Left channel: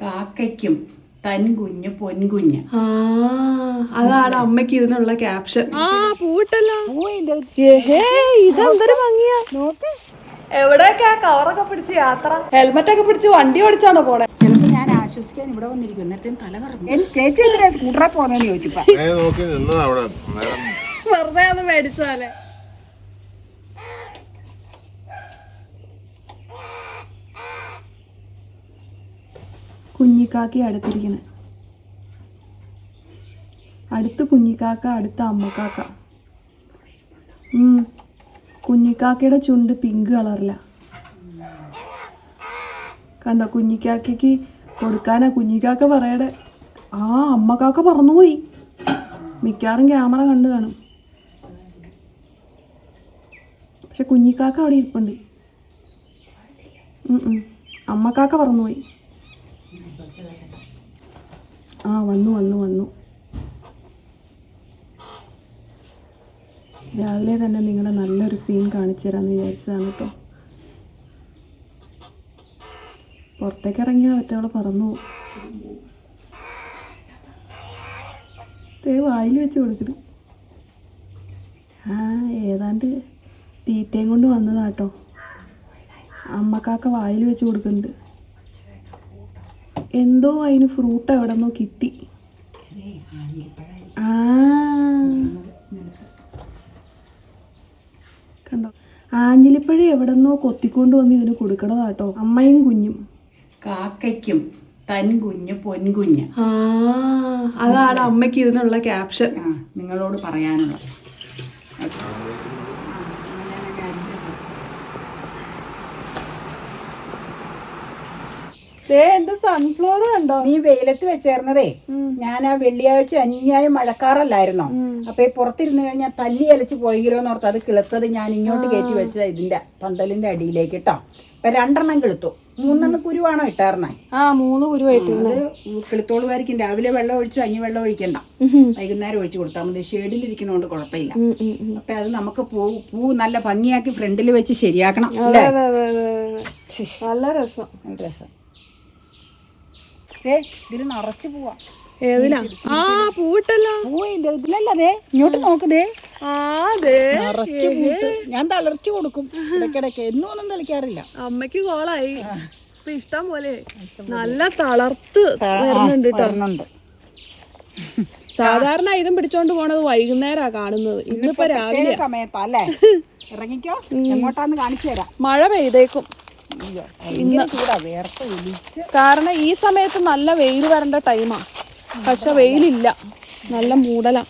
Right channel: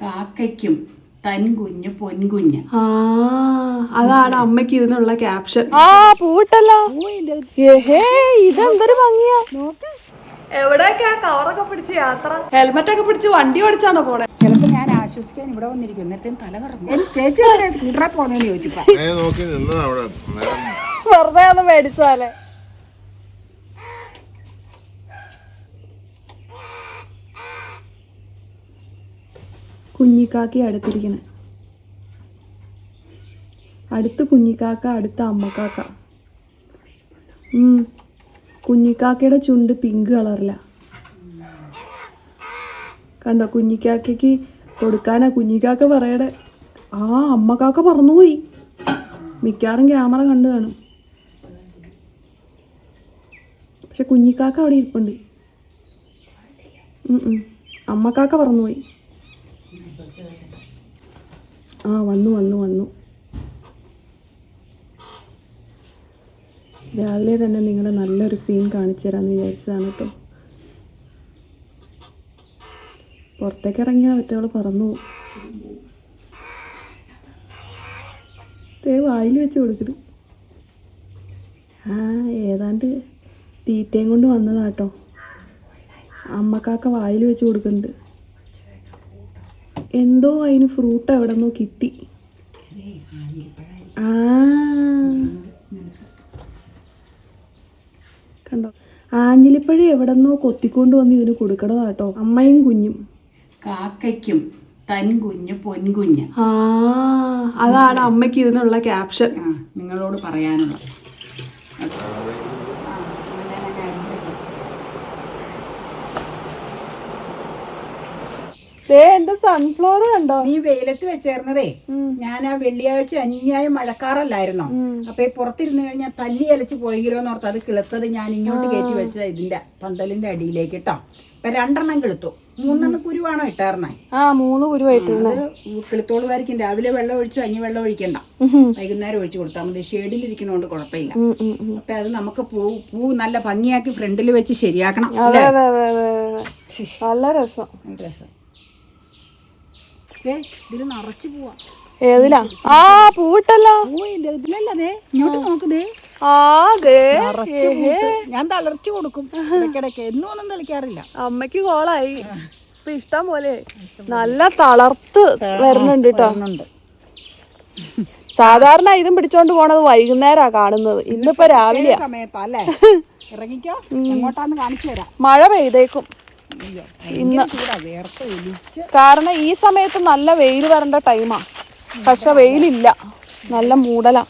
കാക്കയ്ക്കും തൻകുഞ്ഞ് പൊൻകുഞ്ഞ്. ആ അതാണ് അമ്മയ്ക്ക് ഇതിനുള്ള ക്യാപ്ഷൻ. ആ പൂട്ടല്ലോ. ഇതെന്തൊരു ഭംഗിയാ. എവിടെയൊക്കെയാ കവറൊക്കെ പിടിച്ച് യാത്ര? ഹെൽമെറ്റ് ഒക്കെ പിടിച്ച് വണ്ടി ഓടിച്ചാണോ പോണേ? ചിലപ്പോ ഞാൻ ആശ്വസിക്കാൻ ഇവിടെ വന്നിരിക്കും. എന്നിട്ടും തല കറങ്ങും. എനിക്ക് ചേച്ചി സ്കൂട്ടറെ പോകുന്നതെന്ന് ചോദിച്ചപ്പോ ഞാൻ നോക്കി അവിടെ. നേരം വെറുതെ ഒന്ന് മേടിച്ചാലേ കുഞ്ഞിക്കാക്കി അടുത്തിരിക്കുന്നത് അടുത്ത് കുഞ്ഞിക്കാക്ക അടുത്ത അമ്മക്കാക്ക. കുഞ്ഞിക്കാക്കയുടെ ചുണ്ട് പിങ്ക് കളറില. കണ്ടോ കുഞ്ഞിക്കാക്കയ്ക്ക് കൊടുക്കാനാ കുഞ്ഞിക്കാക്ക പറയടെ ആ അമ്മക്കാക്ക പറന്നുപോയി. മിക്കവാറും ക്യാമറ കണ്ടു കാണും. പക്ഷെ കുഞ്ഞിക്കാക്ക അവിടെ ഇരിപ്പുണ്ട്. അമ്മക്കാക്ക പറന്നുപോയി. ആ വന്നു വന്നു വന്നു. രാവിലെ തന്നെ നിങ്ങളെ നല്ലൊരു സീൻ കാണിച്ചു തരാമെന്ന് വിചാരിച്ചതാണ് കേട്ടോ പുറത്തേക്ക് ഇറങ്ങിയാൽ മറ്റവൾ പറന്നു. ദേ വായിൽ വെച്ച് കൊടുക്കുന്നു ആ ഏതാണ്ട് തീറ്റയും കൊണ്ട് വന്നതാട്ടോ അമ്മക്കാക്ക വായിൽ വെച്ച് കൊടുക്കുന്നുണ്ട്. എന്തോ അതിന് ഫ്രൂട്ട് എവിടെ നിന്നോ കിട്ടി. ആ. കണ്ടോ? ആഞ്ഞിലിപ്പഴം എവിടെ നിന്നോ കൊത്തിക്കൊണ്ട് വന്ന് ഇതിന് കൊടുക്കണം കേട്ടോ അമ്മയും കുഞ്ഞും. കാക്കയ്ക്കും തൻ തൻകുഞ്ഞ് പൊൻകുഞ്ഞ് ആ അതാണ് അമ്മയ്ക്ക് ഇതിനുള്ള ക്യാപ്ഷൻ നിങ്ങളോട് പറയാനുള്ളത്. എന്റെ സൺഫ്ലവർ കണ്ടോ? നീ വെയിലത്ത് വെച്ചേർന്നതേ. ഞാൻ ആ വെള്ളിയാഴ്ച അനുയായ മഴക്കാറല്ലായിരുന്നോ? അപ്പൊ ഈ പുറത്തിരുന്ന് കഴിഞ്ഞാൽ തല്ലി അലച്ച് പോയെങ്കിലോ എന്ന് ഓർത്ത് അത് കിളത്തത് ഞാൻ ഇങ്ങോട്ട് കയറ്റി വെച്ച ഇതിന്റെ പന്തലിന്റെ അടിയിലേക്ക് കേട്ടോ ഇപ്പൊ രണ്ടെണ്ണം കിളുത്തു. മൂന്നെണ്ണം കുരുവാണോ ഇട്ടാർന്നേ? ആ മൂന്ന് അത് കിളുത്തോളുമായിരിക്കും. രാവിലെ വെള്ളം ഒഴിച്ച് അഞ്ഞ് വെള്ളം ഒഴിക്കണ്ട. വൈകുന്നേരം ഒഴിച്ചു കൊടുത്താൽ മതി. ഷെയ്ഡിലിരിക്കുന്നതുകൊണ്ട് കുഴപ്പമില്ല. അപ്പൊ അത് നമുക്ക് പൂ പൂ നല്ല ഭംഗിയാക്കി ഫ്രണ്ടിൽ വെച്ച് ശരിയാക്കണം. നല്ല രസം. രസം. ഇതിൽ നിറച്ച് പോവാ. ഏതിലാ? ആ പൂട്ടല്ലോ ഇതിലല്ലേ ഇങ്ങോട്ട് നോക്കുന്നേ നിറച്ച് പൂട്ട് ഞാൻ തളർത്തി കൊടുക്കും. ഇടയ്ക്കിടയ്ക്ക്. എന്നും ഒന്നും കളിക്കാറില്ല അമ്മയ്ക്ക് കോളായി. ഇപ്പൊ ഇഷ്ടം പോലെ. നല്ല തളർത്ത് വരുന്നുണ്ട് കേട്ടോ വരുന്നുണ്ട്. സാധാരണ ഇതും പിടിച്ചോണ്ട് പോണത് വൈകുന്നേരാ കാണുന്നത്. ഇന്നിപ്പോ രാവിലെ സമയത്താ അല്ലേ? ഇറങ്ങിക്കോ. എങ്ങോട്ടാന്ന് കാണിച്ചു തരാം. മഴ പെയ്തേക്കും. ഇന്ന് കാരണം ഈ സമയത്ത് നല്ല വെയിൽ വരേണ്ട ടൈമാ പക്ഷെ വെയിലില്ല. നല്ല മൂടലാ.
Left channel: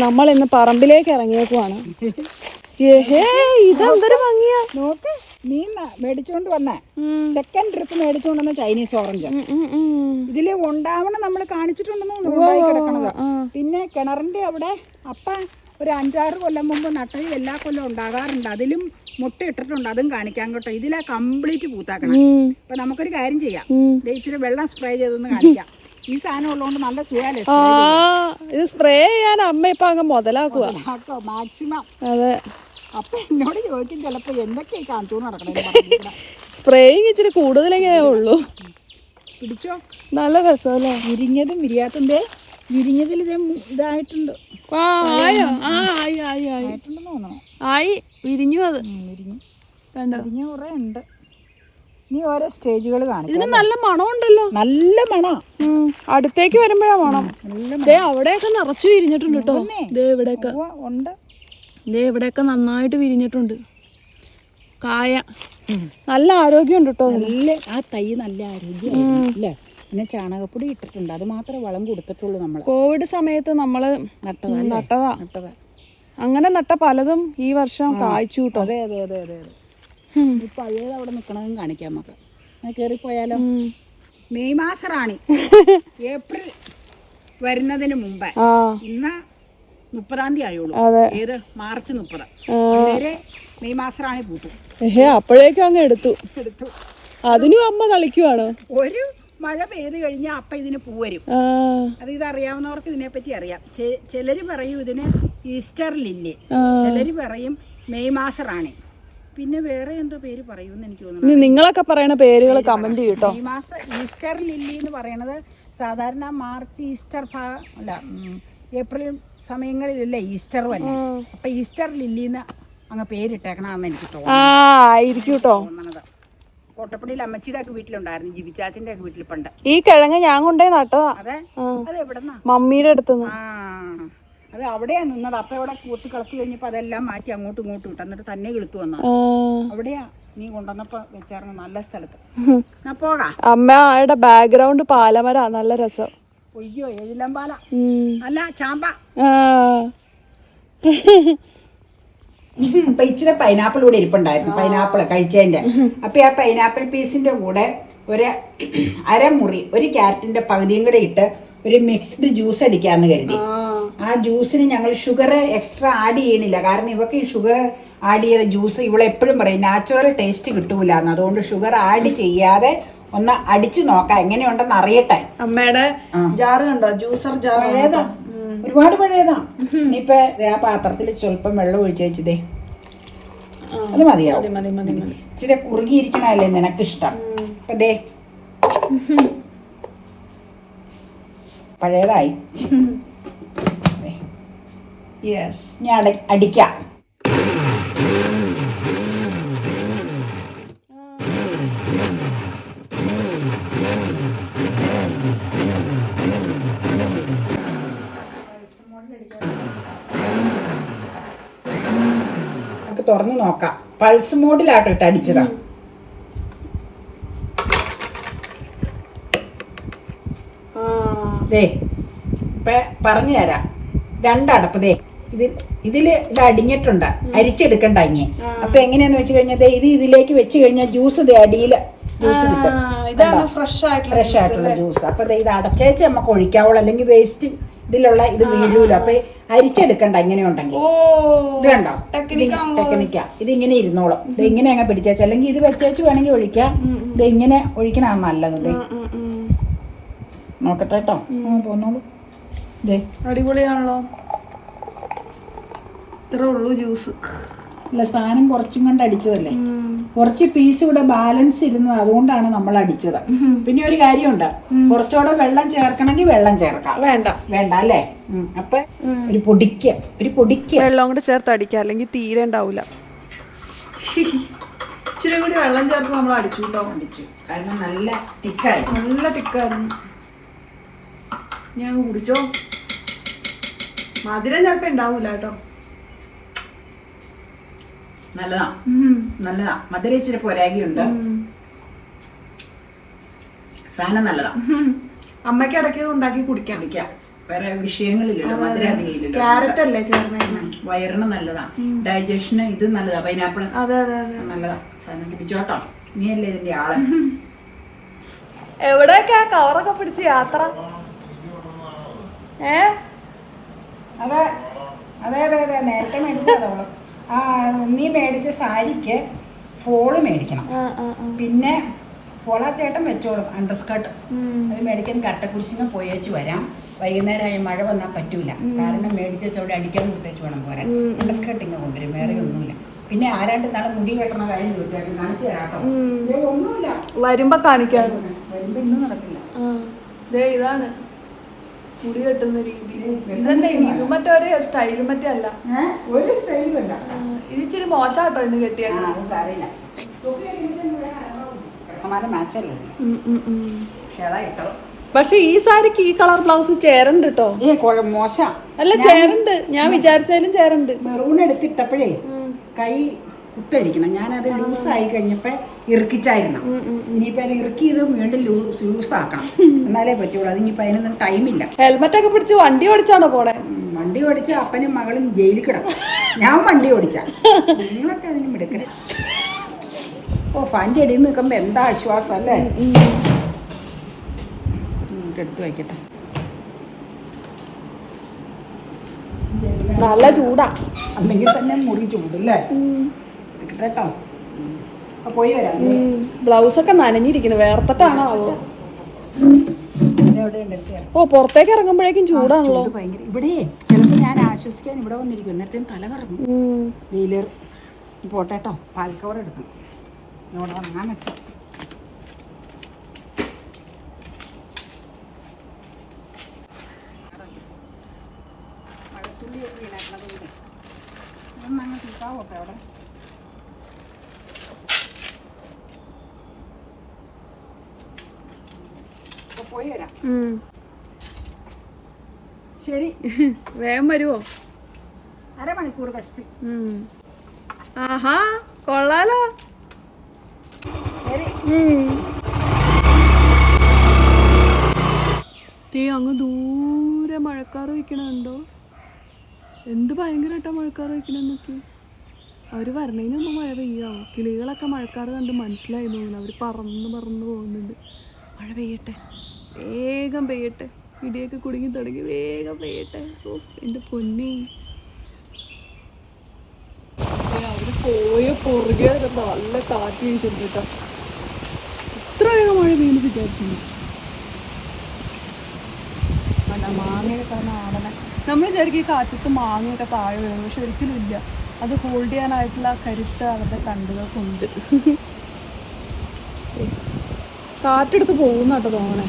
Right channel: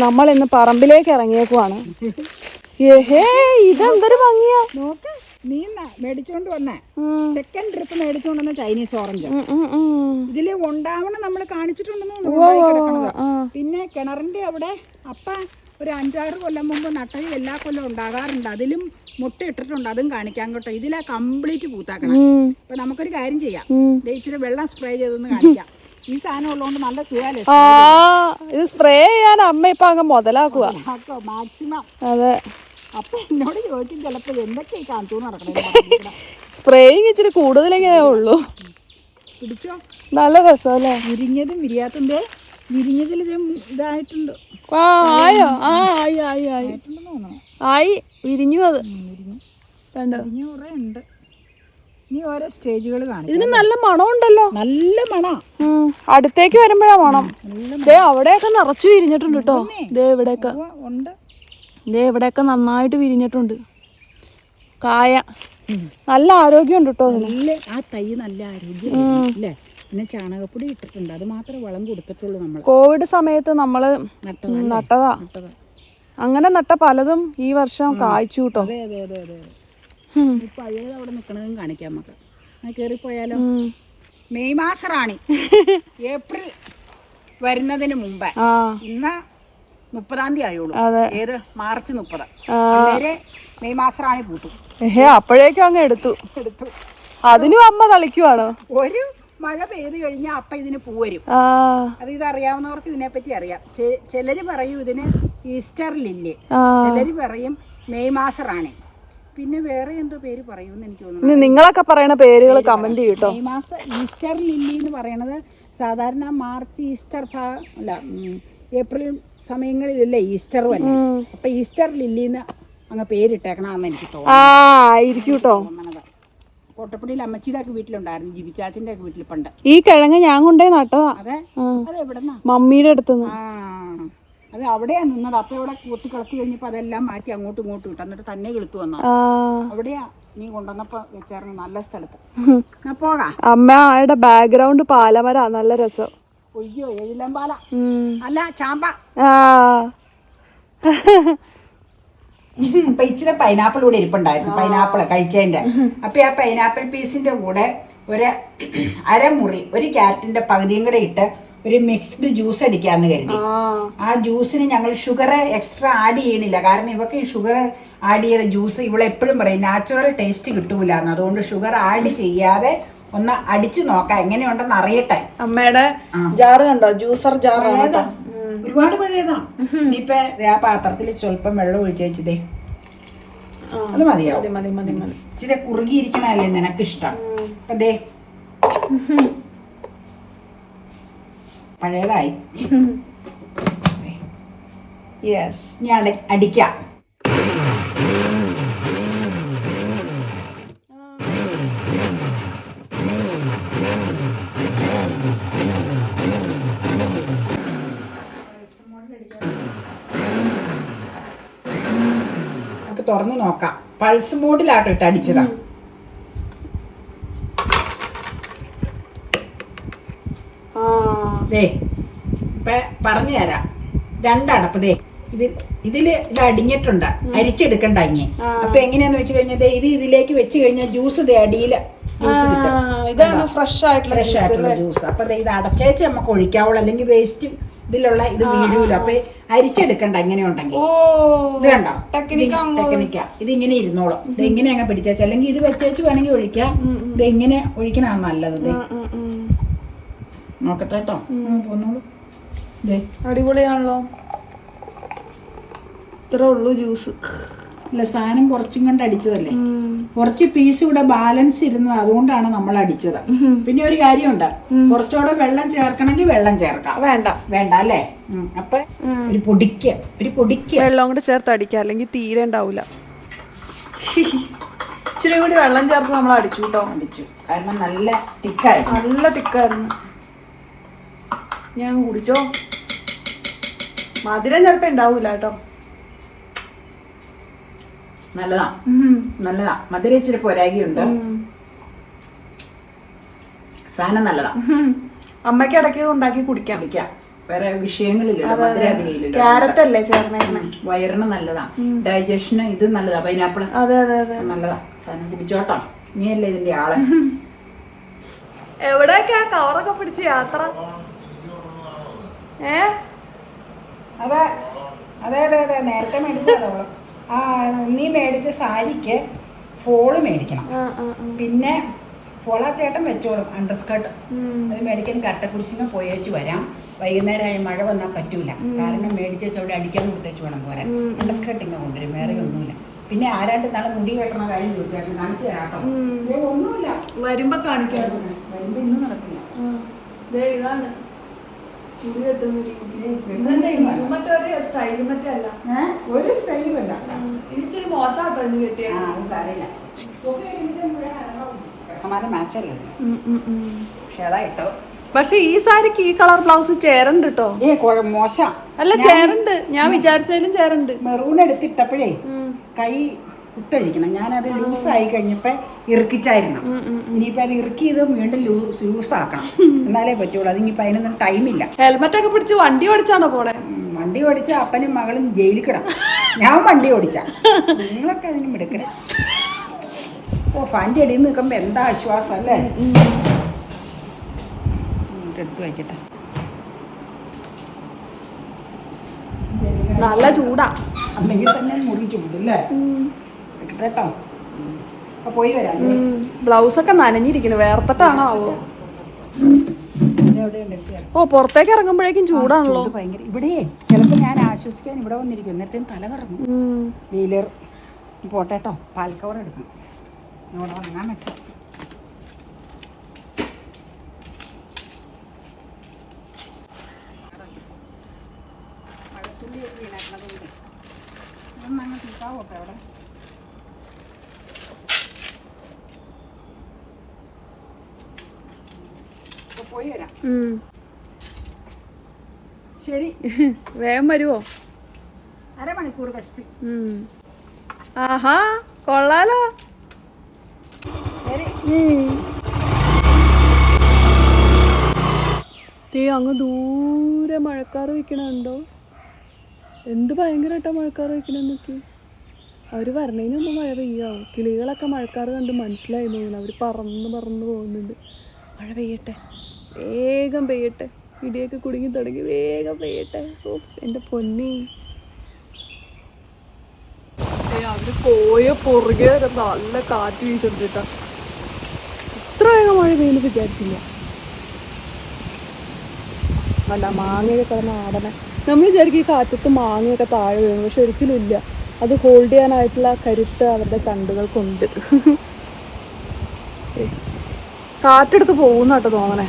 നമ്മൾ ഇന്ന് പറമ്പിലേക്ക് ഇറങ്ങിയേക്കുവാണ്. ഏഹേ ഇതെന്തൊരു ഭംഗിയാ. നോക്ക്. നീ മേടിച്ചോണ്ട് വന്ന. സെക്കൻഡ് ട്രിപ്പ് മേടിച്ചോണ്ട് വന്ന ചൈനീസ് ഓറഞ്ച്. ഇതിൽ ഉണ്ടാവണം നമ്മൾ കാണിച്ചിട്ടുണ്ടെന്ന് പിന്നെ കിണറിന്റെ അവിടെ അപ്പ ഒരു അഞ്ചാറ് കൊല്ലം മുമ്പ് നട്ടത് എല്ലാ കൊല്ലം ഉണ്ടാകാറുണ്ട്. അതിലും മുട്ട ഇട്ടിട്ടുണ്ട് അതും കാണിക്കാൻ കേട്ടോ. ഇതിലാ കംപ്ലീറ്റ് പൂത്താക്കണം. അപ്പൊ നമുക്കൊരു കാര്യം ചെയ്യാം. ഇച്ചിരി വെള്ളം സ്പ്രേ ചെയ്തൊന്ന് കാണിക്കാം. ഈ സാധനം ഉള്ളതുകൊണ്ട് നല്ല സുഖമല്ലേ ഇത് സ്പ്രേ ചെയ്യാൻ അമ്മ ഇപ്പൊ അങ്ങ് മുതലാക്കുക മാക്സിമം അതെ. അപ്പൊ എന്നോട് ചോദിക്കും ചിലപ്പോ എന്തൊക്കെ ഈ കാണിച്ചു നടക്കണേ സ്പ്രേയിങ് ഇച്ചിരി കൂടുതലെങ്ങനെ ഉള്ളൂ. പിടിച്ചോ? നല്ല രസമല്ലേ? വിരിഞ്ഞതും വിരിയാത്തുണ്ടോ വിരിഞ്ഞതിൽ ഇത് ഇതായിട്ടുണ്ട്. ആയോ? ആ ആയി ആയി ആയി. ആയിട്ടുണ്ടെന്ന് തോന്നണം. ആയി വിരിഞ്ഞു അത്. വിരിഞ്ഞു. കണ്ടോ? വിരിഞ്ഞ കുറേ ഉണ്ട്. ഇനി ഓരോ സ്റ്റേജുകൾ കാണും ഇതിന് നല്ല മണം ഉണ്ടല്ലോ. നല്ല മണം. അടുത്തേക്ക് വരുമ്പോഴാ മണം. ദേ അവിടെയൊക്കെ നിറച്ചു വിരിഞ്ഞിട്ടുണ്ട് കേട്ടോ. ദേ ഇവിടെയൊക്കെ. ഉണ്ട്. ദേ ഇവിടെയൊക്കെ നന്നായിട്ട് വിരിഞ്ഞിട്ടുണ്ട്. കായ. നല്ല ആരോഗ്യമുണ്ട് കേട്ടോ നല്ല ആ തൈ നല്ല ആരോഗ്യം അല്ലേ? പിന്നെ ചാണകപ്പൊടി ഇട്ടിട്ടുണ്ട്. അത് മാത്രമേ വളം കൊടുത്തിട്ടുള്ളൂ നമ്മൾ കോവിഡ് സമയത്ത് നമ്മൾ നട്ടതാ അങ്ങനെ നട്ട പലതും ഈ വർഷം കായ്ച്ചു കേട്ടോ അതെ അതെ അതെ അതെ ഇപ്പൊ അയ്യത് അവിടെ നിൽക്കണതും കാണിക്കാം നമുക്ക്. കയറിപ്പോയാലോ. മെയ് മാസറാണി ഏപ്രിൽ വരുന്നതിന് മുമ്പേ. ഇന്ന് മുപ്പതാം തീയതി ആയോളൂ ഏത്? മാർച്ച് മുപ്പത്. മെയ് പൂത്തു ഏഹേ അപ്പോഴേക്കും അങ്ങ് എടുത്തു. എടുത്തു. അതിനും അമ്മ തളിക്കുവാണോ? ഒരു മഴ പെയ്ത് കഴിഞ്ഞാൽ അപ്പ ഇതിന് പൂവരും അത് ഇതറിയാവുന്നവർക്ക് ഇതിനെപ്പറ്റി അറിയാം. ചിലര് പറയും ഇതിന് ഈസ്റ്റർ ലില്ലി ചിലര് പറയും മെയ് മാസറാണ് പിന്നെ വേറെ എന്തോ പേര് പറയുമെന്ന് എനിക്ക് തോന്നുന്നു. നിങ്ങളൊക്കെ പറയണ പേരുകൾ കമന്റ് ചെയ്യട്ടോ. മെയ് മാസം ഈസ്റ്റർ ലില്ലി എന്ന് പറയണത് സാധാരണ മാർച്ച് ഈസ്റ്റർ അല്ല ഏപ്രിൽ സമയങ്ങളിലല്ലേ ഈസ്റ്റർ വല്ലേ അപ്പൊ ഈസ്റ്റർ ലില്ലിന്ന് അങ്ങ് പേരിട്ടേക്കണമെന്ന് എനിക്ക് തോന്നുന്നു. കോട്ടപ്പണിയിൽ അമ്മച്ചിയുടെ ഒക്കെ വീട്ടിലുണ്ടായിരുന്നു ജിബിച്ചാച്ചിന്റെ ഒക്കെ വീട്ടിൽ പണ്ട് ഈ കിഴങ്ങ് ഞാൻ കൊണ്ടേ നട്ടതാ. അതെ? മമ്മിയുടെ അടുത്ത് അത് അവിടെയാ നിന്നത്. അപ്പൊ അവിടെ കൂത്തി കളത്തി കഴിഞ്ഞപ്പോ അതെല്ലാം മാറ്റി അങ്ങോട്ടും ഇങ്ങോട്ടും ഇട്ടു. എന്നിട്ട് തന്നെ കിളുത്തു വന്നു. അവിടെയാ നീ കൊണ്ടുവന്നപ്പോ വെച്ചായിരുന്നു നല്ല സ്ഥലത്ത്. പോകാം. അമ്മ ആയുടെ ബാക്ക്ഗ്രൗണ്ട് പാലമര. നല്ല രസം. ഒയ്യോ. അല്ല ചാമ്പ. അപ്പൊ ഇച്ചിരി പൈനാപ്പിൾ കൂടെ ഇരിപ്പുണ്ടായിരുന്നു. പൈനാപ്പിൾ കഴിച്ചതിന്റെ. അപ്പൊ ആ പൈനാപ്പിൾ പീസിന്റെ കൂടെ ഒരു അരമുറി ഒരു ക്യാരറ്റിന്റെ പകുതിയും കൂടെ ഇട്ട് ഒരു മിക്സ്ഡ് ജ്യൂസ് അടിക്കാന്ന് കരുതി. ആ. ജ്യൂസിന് ഞങ്ങൾ ഷുഗർ എക്സ്ട്രാ ആഡ് ചെയ്യണില്ല. കാരണം ഇവക്ക് ഈ ഷുഗർ ആഡ് ചെയ്ത ജ്യൂസ് ഇവളെ എപ്പോഴും പറയും നാച്ചുറൽ ടേസ്റ്റ് കിട്ടൂല എന്ന് അതുകൊണ്ട് ഷുഗർ ആഡ് ചെയ്യാതെ ഒന്ന് അടിച്ചു നോക്കാം എങ്ങനെയുണ്ടെന്ന് അറിയട്ടെ. അമ്മയുടെ ജാറ് കണ്ടോ? ജ്യൂസർ ജാർ പഴയതാ. ഒരുപാട് പഴയതാ. ഇപ്പൊ ആ പാത്രത്തിൽ സ്വല്പം വെള്ളം ഒഴിച്ചു വെച്ചതേ അത് മതിയാവും. മതി മതി മതി ഇച്ചിരി കുറുകിയിരിക്കണല്ലേ നിനക്കിഷ്ടം. അതേ ദേ. പഴയതായി. യെസ് ഞാൻ അട- അടിക്കാം നമുക്ക് തുറന്ന് നോക്കാം. പൾസ് മോഡിലാട്ടോ ഇട്ട് അടിച്ചതാ ദേ പറഞ്ഞു തരാം. രണ്ടടപ്പ് ദേ ഇത് ഇതിൽ ഇത് അടിഞ്ഞിട്ടുണ്ട്. അരിച്ചെടുക്കണ്ട ഇനി. അപ്പൊ എങ്ങനെയാന്ന് വെച്ച് കഴിഞ്ഞാൽ ഇത് ഇതിലേക്ക് വെച്ച് കഴിഞ്ഞാൽ ജ്യൂസ് ദേ അടിയിൽ ജ്യൂസ് കിട്ടും. ഫ്രഷ് ആയിട്ടുള്ള ജ്യൂസ് അപ്പൊ ഇത് അടച്ചേച്ച് നമുക്ക് ഒഴിക്കാവുള്ളൂ. അല്ലെങ്കിൽ വേസ്റ്റ് ഇതിലുള്ള ഇത് വീഴൂല. അപ്പൊ അരിച്ചെടുക്കണ്ട ഇങ്ങനെ ഉണ്ടെങ്കിൽ ഇത് കണ്ടോ? ടെക്നിക്ക ഇത് ഇങ്ങനെ ഇരുന്നോളും. ഇത് ഇങ്ങനെ അങ്ങ് പിടിച്ചാച്ചു അല്ലെങ്കിൽ ഇത് വെച്ചേച്ച് വേണമെങ്കിൽ ഒഴിക്കാം. ഇത് ഇങ്ങനെ ഒഴിക്കണതാണ് നല്ലത്. നോക്കട്ടെ കേട്ടോ. പോന്നോളൂ. അടിപൊളിയാണല്ലോ. ഇത്രേ ഉള്ളൂ ജ്യൂസ്. അല്ല സാധനം കുറച്ചും കണ്ട് അടിച്ചതല്ലേ? കുറച്ച് പീസ് ഇവിടെ ബാലൻസ് ഇരുന്നത് അതുകൊണ്ടാണ് നമ്മൾ അടിച്ചത്. പിന്നെ ഒരു കാര്യമുണ്ട്. കുറച്ചുകൂടെ വെള്ളം ചേർക്കണമെങ്കിൽ വെള്ളം ചേർക്കാം. വേണ്ട. വേണ്ട അല്ലേ. അപ്പൊ ഒരു പൊടിക്ക ഒരു പൊടിക്ക. വെള്ളം കൂടെ ചേർത്ത് അടിക്കാം. അല്ലെങ്കിൽ തീരെ ഉണ്ടാവൂല. ഇച്ചിരി കൂടി വെള്ളം ചേർത്ത് നമ്മൾ അടിച്ചു കേട്ടോ. അടിച്ചു. കാരണം നല്ല തിക്കായിരുന്നു. നല്ല തിക്കായിരുന്നു. ഞാൻ കുടിച്ചോ? മധുരം ചിലപ്പോ ഉണ്ടാവൂല കേട്ടോ. നല്ലതാ. നല്ലതാ. മധുര ഇച്ചിരി ഉണ്ട് സാധനം നല്ലതാ. അമ്മയ്ക്ക് ഇടയ്ക്ക് ഉണ്ടാക്കി കുടിക്കാൻ കുടിക്കാം. വേറെ വിഷയങ്ങളില്ലല്ലോ മധുര ക്യാരറ്റ് അല്ലേ വയറിന് നല്ലതാ. ഡൈജഷന് ഇത് നല്ലതാ. പൈനാപ്പിൾ അതെ അതെ അതെ. നല്ലതാ. സാധനം കുടിച്ചോട്ടോ. നീയല്ലേ ഇതിന്റെ ആൾ. എവിടെയൊക്കെയാ കവറൊക്കെ പിടിച്ച് യാത്ര? ഏ? അതെ. അതെ അതെ അതെ. നേരത്തെ മേടിച്ചതോളൂ ആ നീ മേടിച്ച സാരിക്ക് ഫോൾ മേടിക്കണം. പിന്നെ ഫോളാ ചേട്ടൻ വെച്ചോളും അണ്ടർസ്കർട്ട് അത് മേടിക്കാൻ പോയി പോയേച്ച് വരാം. വൈകുന്നേരമായ മഴ വന്നാൽ പറ്റൂല. കാരണം മേടിച്ച് അവിടെ അടിക്കാൻ കൊടുത്തേച്ച് വേണം പോരാൻ. അണ്ടർസ്കർട്ട് ഇങ്ങനെ കൊണ്ടുവരും വേറെ ഒന്നുമില്ല. പിന്നെ ആരാണ്ട് നാളെ മുടി കെട്ടണ കാര്യം ചോദിച്ചാൽ കാണിച്ചു തരാട്ടോ ഒന്നുമില്ല. വരുമ്പോ കാണിക്കാൻ വരുമ്പോ ഇന്നും നടക്കില്ല. ഇതാണ്. മുടി കെട്ടുന്ന രീതിയിൽ. മറ്റൊരു സ്റ്റൈലും മറ്റേ അല്ല. ഒരു സ്റ്റൈലും അല്ല. ഇതിച്ചിരി മോശാട്ടോ ഇന്ന് ആ അത് മാച്ചല്ലേ പക്ഷെ അതാ പക്ഷെ ഈ സാരിക്ക് ഈ കളർ ബ്ലൗസ് ചേരണ്ട് കേട്ടോ ഏ കുഴ മോശം. അല്ല ചേരണ്ട്. ഞാൻ വിചാരിച്ചാലും ചേരണ്ട്. മെറൂൺ എടുത്തിട്ടപ്പോഴേ കൈ കുത്തഴിക്കണം. ഞാനത് ആയി കഴിഞ്ഞപ്പോൾ ഇറുക്കിച്ചായിരുന്നു ഇനിയിപ്പോ അത് ഇറുക്കി ഇത് വീണ്ടും ലൂസ് ആക്കണം എന്നാലേ പറ്റുള്ളൂ. അതിനിപ്പോ അതിനൊന്നും ടൈമില്ല. ഹെൽമെറ്റ് ഒക്കെ പിടിച്ച് വണ്ടി ഓടിച്ചാണോ പോണേ? വണ്ടി ഓടിച്ച അപ്പനും മകളും ജയിലിൽ കിടക്കും. ഞാൻ വണ്ടി ഓടിച്ച. നിങ്ങളൊക്കെ അതിന് മിടുക്കരെ. ഓ ഫാന്റെ അടിയിൽ നിൽക്കുമ്പോൾ എന്താ ആശ്വാസം അല്ലേ? എടുത്ത് വയ്ക്കട്ടെ. നല്ല ചൂടാ. അല്ലെങ്കിൽ തന്നെ മുറി ചൂടല്ലേ എടുക്കട്ടെ കേട്ടോ. പോയി വരാം. ബ്ലൗസ് ഒക്കെ നനഞ്ഞിരിക്കുന്നു. വേർത്തിട്ടാണോ ആവോ ഓ പുറത്തേക്ക് ഇറങ്ങുമ്പോഴേക്കും ചൂടാണല്ലോ. ഭയങ്കര. ഇവിടെ ചിലപ്പോൾ ഞാൻ ആശ്വസിക്കാൻ ഇവിടെ വന്നിരിക്കും. നേരത്തെ തല കറങ്ങും. വീലർ. പോട്ടെ കേട്ടോ പാൽക്കവർ എടുക്കണം. ഇവിടെ വാങ്ങാൻ വെച്ച. അവിടെ? പോയി വരാം ശരി. വേഗം വരുവോ? അരമണിക്കൂർ കഷ്ടി. ആഹാ കൊള്ളാലോ. ദേ അങ്ങ് ദൂരെ മഴക്കാർ വയ്ക്കണുണ്ടോ എന്ത് ഭയങ്കരമായിട്ടാ മഴക്കാർ വയ്ക്കണെന്നൊക്കെ അവർ വരണേന് മുമ്പ് മഴ പെയ്യാവോ കിളികളൊക്കെ മഴക്കാർ കണ്ട് മനസ്സിലായി തോന്നുന്നു. അവർ പറന്ന് പറന്ന് പോകുന്നുണ്ട്. മഴ പെയ്യട്ടെ. വേഗം പെയ്യട്ടെ. ഇടിയൊക്കെ കുടുങ്ങി തുടങ്ങി വേഗം പെയ്യട്ടെ. ഓ എന്റെ പൊന്നി. അവർ പോയ പുറകെ നല്ല കാറ്റ് വീശിട്ടാ ഇത്ര വേഗം മഴ പെയ്യുന്നു വിചാരിച്ചില്ല. നല്ല മാങ്ങയൊക്കെ കിടന്ന് ആടനെ. നമ്മൾ വിചാരിക്കും ഈ കാറ്റത്ത് മാങ്ങയൊക്കെ താഴെ വീഴുന്നു പക്ഷെ ഒരിക്കലും ഇല്ല. അത് ഹോൾഡ് ചെയ്യാനായിട്ടുള്ള കരുത്ത് അവരുടെ കണ്ടുകൾക്കുണ്ട് ഏയ്. കാറ്റെടുത്ത് പോകുന്ന കേട്ടോ തോന്നണേ.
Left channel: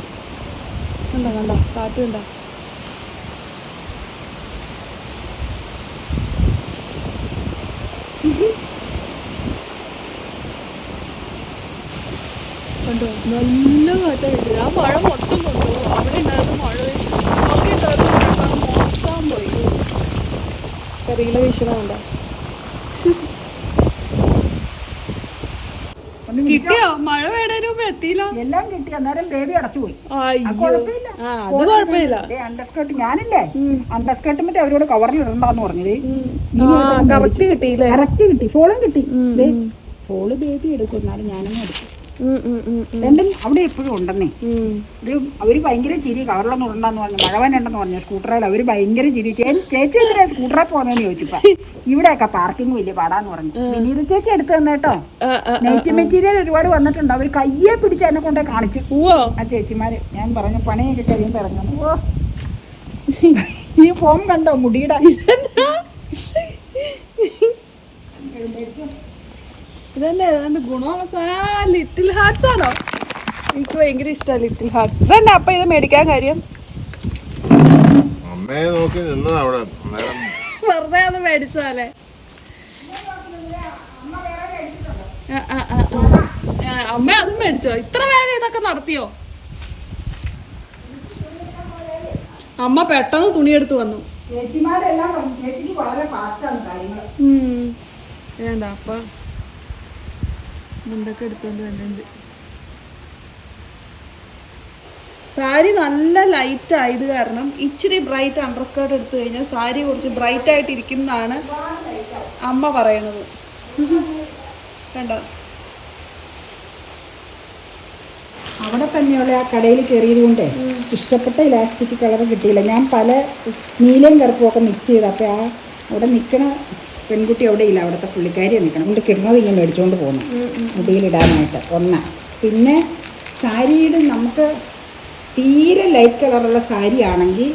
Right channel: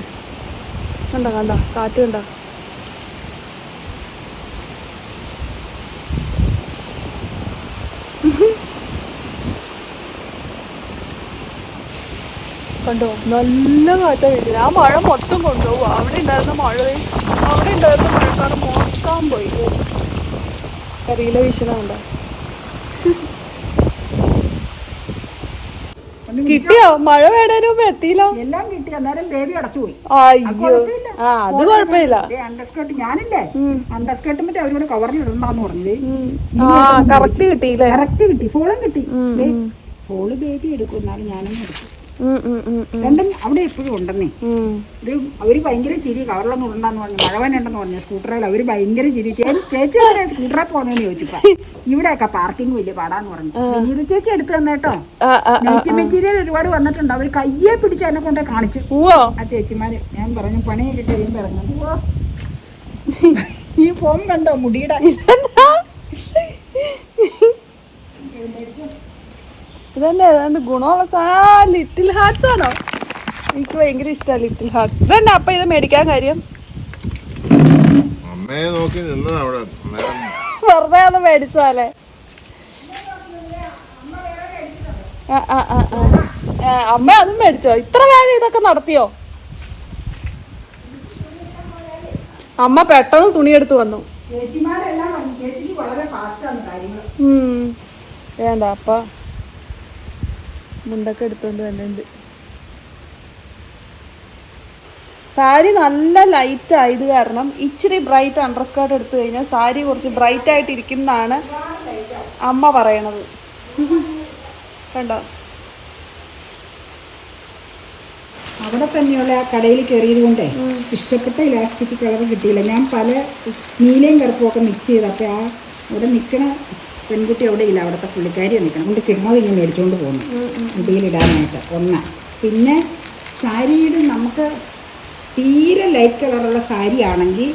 കണ്ട കണ്ടോ? കാറ്റ് കണ്ടോ? കണ്ടോ? നല്ല കാറ്റാ വീട്ടിൽ ആ മഴ മൊത്തം കൊണ്ടുപോകും. അവിടെ ഉണ്ടായിരുന്ന മഴയും അവിടെ ഉണ്ടായിരുന്ന മഴക്കാർ മൊത്തം പോയി. കറിയില വീശണ കിട്ടിയോ? മഴ മുമ്പ് എത്തിയില്ലോ. എല്ലാം കിട്ടി അന്നേരം ബേബി അടച്ചുപോയി അത് കുഴപ്പമില്ല. അണ്ടർസ്കേർട്ട് ഞാനില്ലേ? അണ്ടർസ്കേർട്ട് മറ്റേ അവരോട് കവറിൽ ഇടണ്ടെന്ന് പറഞ്ഞത് കറക്റ്റ് കിട്ടി കറക്റ്റ് കിട്ടി. ഫോളും കിട്ടി. ഫോൾ ബേബി എടുക്കും. എന്നാലും ഞാനും എടുക്കും. രണ്ടും അവിടെ എപ്പോഴും ഉണ്ടെന്നേ. ഒരു അവർ ഭയങ്കര ചിരി കവറിലൊന്നും ഉണ്ടെന്ന് പറഞ്ഞു മഴവൻ ഉണ്ടെന്ന് പറഞ്ഞു സ്കൂട്ടറിൽ അവർ ഭയങ്കര ചിരി. ചേച്ചി എവിടെ സ്കൂട്ടറിൽ പോകുന്നതെന്ന് ചോദിച്ചപ്പോ ഇവിടെയൊക്കെ പാർക്കിംഗ് വലിയ പാടാന്ന് പറഞ്ഞു. വിനീത ചേച്ചി എടുത്തു തന്നേട്ടോ നെയ്റ്റ് മെറ്റീരിയൽ ഒരുപാട് വന്നിട്ടുണ്ട്. അവർ കയ്യെ പിടിച്ച് എന്നെ കൊണ്ടേ കാണിച്ചു. ആ ചേച്ചിമാര് ഞാൻ പറഞ്ഞു പണിയൊക്കെ കഴിയുമ്പോ ഇറങ്ങുന്നു. ഓ ഈ ഫോം കണ്ടോ മുടിയുടെ? ഇതന്നെ ഏതാണ്ട് ഗുണമുള്ള സാ ലിറ്റിൽ ഹാർട്സ് ആണോ? എനിക്ക് ഭയങ്കര ഇഷ്ടമാണ് ലിറ്റിൽ ഹാർട്സ് ഇതന്നെ അപ്പൊ ഇത് മേടിക്കാൻ കാര്യം? അമ്മയെ നോക്കി നിന്നതാ അവിടെ. നേരം വെറുതെ അത് മേടിച്ചാലേ അമ്മ അതും മേടിച്ചോ. ഇത്ര വേഗം ഇതൊക്കെ നടത്തിയോ? അമ്മ പെട്ടെന്ന് തുണിയെടുത്ത് വന്നു. ചേച്ചിമാരെല്ലാം ചേച്ചിക്ക് വളരെ ഫാസ്റ്റാണ് കാര്യങ്ങൾ ഉം. വേണ്ട അപ്പ മുണ്ടൊക്കെ എടുത്തോണ്ട് ഉണ്ട് സാരി നല്ല ലൈറ്റ് ആയത് കാരണം ഇച്ചിരി ബ്രൈറ്റ് അണ്ടർസ്കേർട്ട് എടുത്തു കഴിഞ്ഞാൽ സാരി കുറച്ച് ബ്രൈറ്റ് ആയിട്ട് ഇരിക്കുന്നതാണ് അമ്മ പറയണത്. കണ്ടോ? അവിടെ തന്നെയുള്ള ആ കടയിൽ കയറിയത് കൊണ്ട് ഇഷ്ടപ്പെട്ട ഇലാസ്റ്റിക് കളർ കിട്ടിയില്ല. ഞാൻ പല നീലയും കറുപ്പും ഒക്കെ മിക്സ് ചെയ്തപ്പോൾ ആ അവിടെ നിൽക്കണ പെൺകുട്ടി അവിടെ ഇല്ല അവിടുത്തെ പുള്ളിക്കാരി നിൽക്കണം. കൊണ്ട് കിടന്നത് ഇങ്ങനെ മേടിച്ചുകൊണ്ട് പോകുന്നു. മുടിയിലിടാനായിട്ട് ഒന്ന്. പിന്നെ സാരിയുടെ നമുക്ക് തീരെ ലൈറ്റ് കളറുള്ള സാരി ആണെങ്കിൽ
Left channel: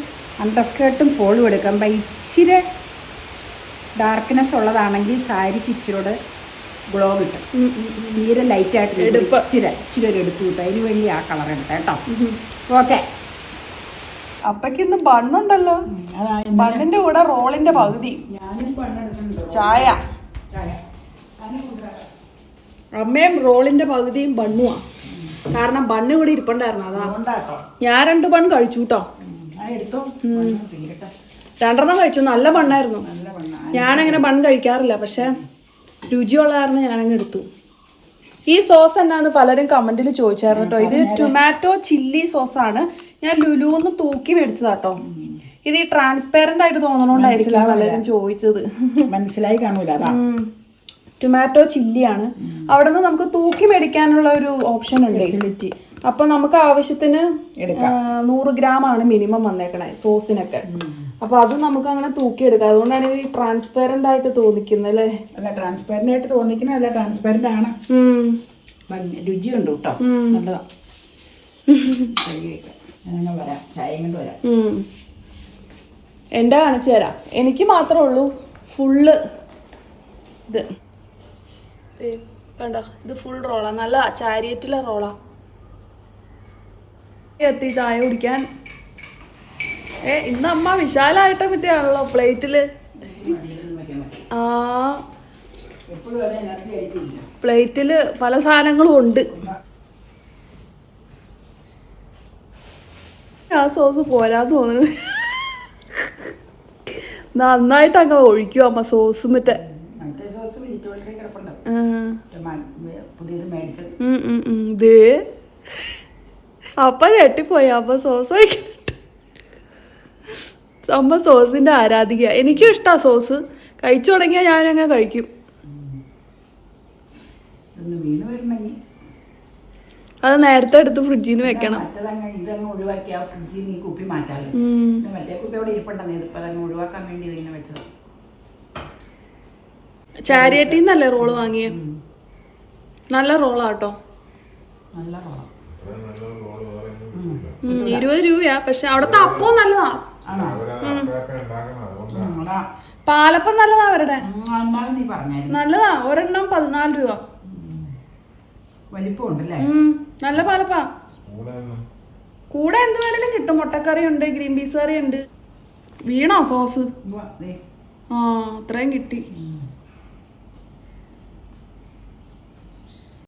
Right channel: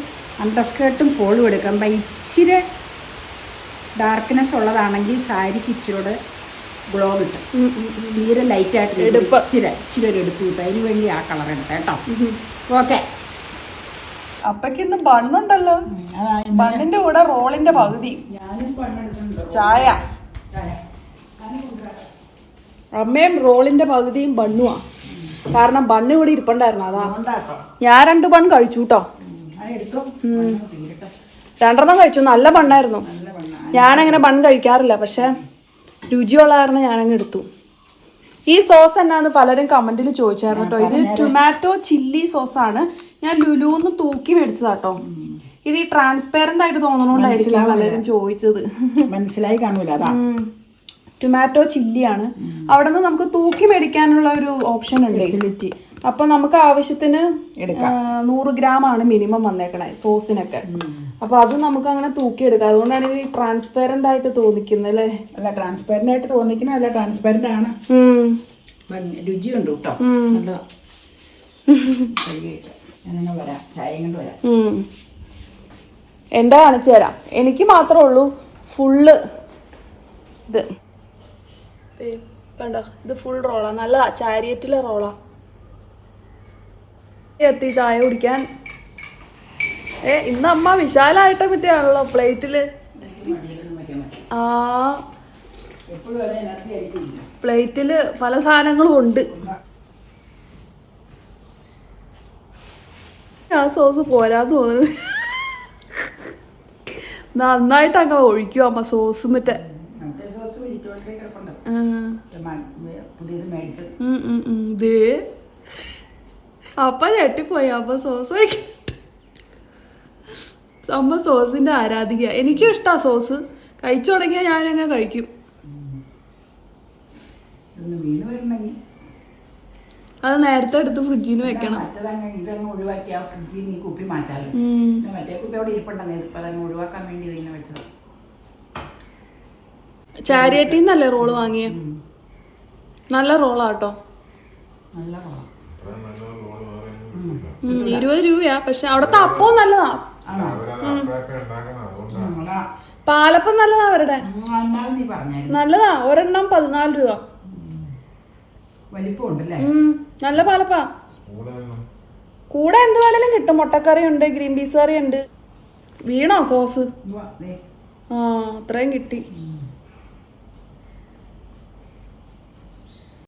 അണ്ടർസ്കേർട്ടും ഫോളും എടുക്കുമ്പോൾ ഇച്ചിരി ഡാർക്ക്നെസ് ഉള്ളതാണെങ്കിൽ സാരിക്ക് ഇച്ചിരിയോട് ഗ്ലോ കിട്ടും. തീരെ ലൈറ്റായിട്ട് എടുപ്പ്. ഇച്ചിരി ഇച്ചിരി ഒരു എടുപ്പ് കിട്ടും. അതിന് വേണ്ടി ആ കളർ എടുത്തേട്ടോ ഓക്കെ. അപ്പക്ക് ഇന്ന് ബണ്ണുണ്ടല്ലോ. ബണ്ണിന്റെ കൂടെ റോളിന്റെ പകുതി. ചായ. അമ്മയും റോളിന്റെ പകുതിയും ബണ്ണുവാ. കാരണം ബണ്ണ് ഇവിടെ ഇരിപ്പണ്ടായിരുന്നു അതാ. ഞാൻ രണ്ട് ബൺ കഴിച്ചു കേട്ടോ രണ്ടെണ്ണം കഴിച്ചു. നല്ല ബണ്ണായിരുന്നു. ഞാനങ്ങനെ ബൺ കഴിക്കാറില്ല പക്ഷെ രുചിയുള്ളതായിരുന്നു ഞാനങ്ങ് എടുത്തു. ഈ സോസ് എന്നാന്ന് പലരും കമന്റിൽ ചോദിച്ചായിരുന്നു കേട്ടോ ഇത് ടൊമാറ്റോ ചില്ലി സോസ് ആണ്. ഞാൻ ലുലുന്ന് തൂക്കി മേടിച്ചതാട്ടോ ഇത് ഈ ട്രാൻസ്പെറന്റ് ആയിട്ട് തോന്നണോണ്ടായിരിക്കും പലരും ചോദിച്ചത്. മനസ്സിലായി കാണൂല ടൊമാറ്റോ ചില്ലിയാണ് അവിടെ നിന്ന് നമുക്ക് തൂക്കി മേടിക്കാനുള്ള ഒരു ഓപ്ഷൻ ഉണ്ട്. ഫെസിലിറ്റി അപ്പൊ നമുക്ക് ആവശ്യത്തിന് നൂറ് ഗ്രാം ആണ് മിനിമം വന്നേക്കണേ സോസിനൊക്കെ അപ്പൊ അത് നമുക്ക് അങ്ങനെ തൂക്കി എടുക്കാം. അതുകൊണ്ടാണ് ഇത് ട്രാൻസ്പെറന്റ് ആയിട്ട് തോന്നിക്കുന്നത് അല്ലേ? അല്ല ട്രാൻസ്പെറന്റ് ആയിട്ട് തോന്നിക്കണ അല്ല ട്രാൻസ്പെറന്റ് ആണ്. രുചിയുണ്ട് കേട്ടോ നല്ലതാ. വരാം. ചായയും കൊണ്ട് വരാം. ഉം. എന്റെ കാണിച്ചു തരാം. എനിക്ക് മാത്രമേ ഉള്ളൂ ഫുള്ള് ഇത്. ദേ, കണ്ടോ? ഇത് ഫുൾ റോളാ നല്ല ചാരിയറ്റിലെ റോളാ എത്തി ചായ കുടിക്കാൻ. ഏ ഇന്ന് അമ്മ വിശാലായിട്ട് പറ്റിയാണല്ലോ പ്ലേറ്റിൽ? ആ. എപ്പോഴും എനർജി ആയിട്ടില്ല പ്ലേറ്റിൽ പല സാധനങ്ങളും ഉണ്ട്. ആ സോസ് പോരാന്ന് തോന്നുന്നു. നന്നായിട്ട് അങ്ങ് ഒഴിക്കും അമ്മ സോസ് മറ്റേ. ദേ. അപ്പ ഞെട്ടിപ്പോയി. അമ്മ സോസ് അമ്മ സോസിന്റെ ആരാധിക എനിക്കും ഇഷ്ടാ സോസ്. കഴിച്ചു തുടങ്ങിയാൽ ഞാനങ്ങ് കഴിക്കും. വീണ് വരണമെങ്കിൽ അത് നേരത്തെ എടുത്ത് ഫ്രിഡ്ജിൽ നിന്ന് വെക്കണം. ഇതങ്ങ് ഒഴിവാക്കി ആ ഫ്രിഡ്ജിൽ നീ കുപ്പി മാറ്റാമല്ലോ ഉം. മറ്റേ കുപ്പി അവിടെ ഇരിപ്പുണ്ടെന്ന് ഇതിപ്പോൾ അതങ്ങ് ഒഴിവാക്കാൻ വേണ്ടി ഇതിങ്ങനെ വെച്ചത്. ചാരിയറ്റിൽ നിന്നല്ലേ റോൾ വാങ്ങിയേ? നല്ല റോളാട്ടോ നല്ല റോളാ. ഇരുപത് രൂപയാ. പക്ഷെ അവിടുത്തെ അപ്പവും നല്ലതാ. പാലപ്പം നല്ലതാ അവരുടെ. നല്ലതാ. ഒരെണ്ണം പതിനാല് രൂപ. വലിപ്പമുണ്ടല്ലേ? നല്ല പാലപ്പാ. കൂടെ എന്ത് വേണേലും കിട്ടും. മുട്ടക്കറി ഉണ്ട് ഗ്രീൻ പീസ് കറി ഉണ്ട് വീണോ സോസ്. ആ അത്രയും കിട്ടി.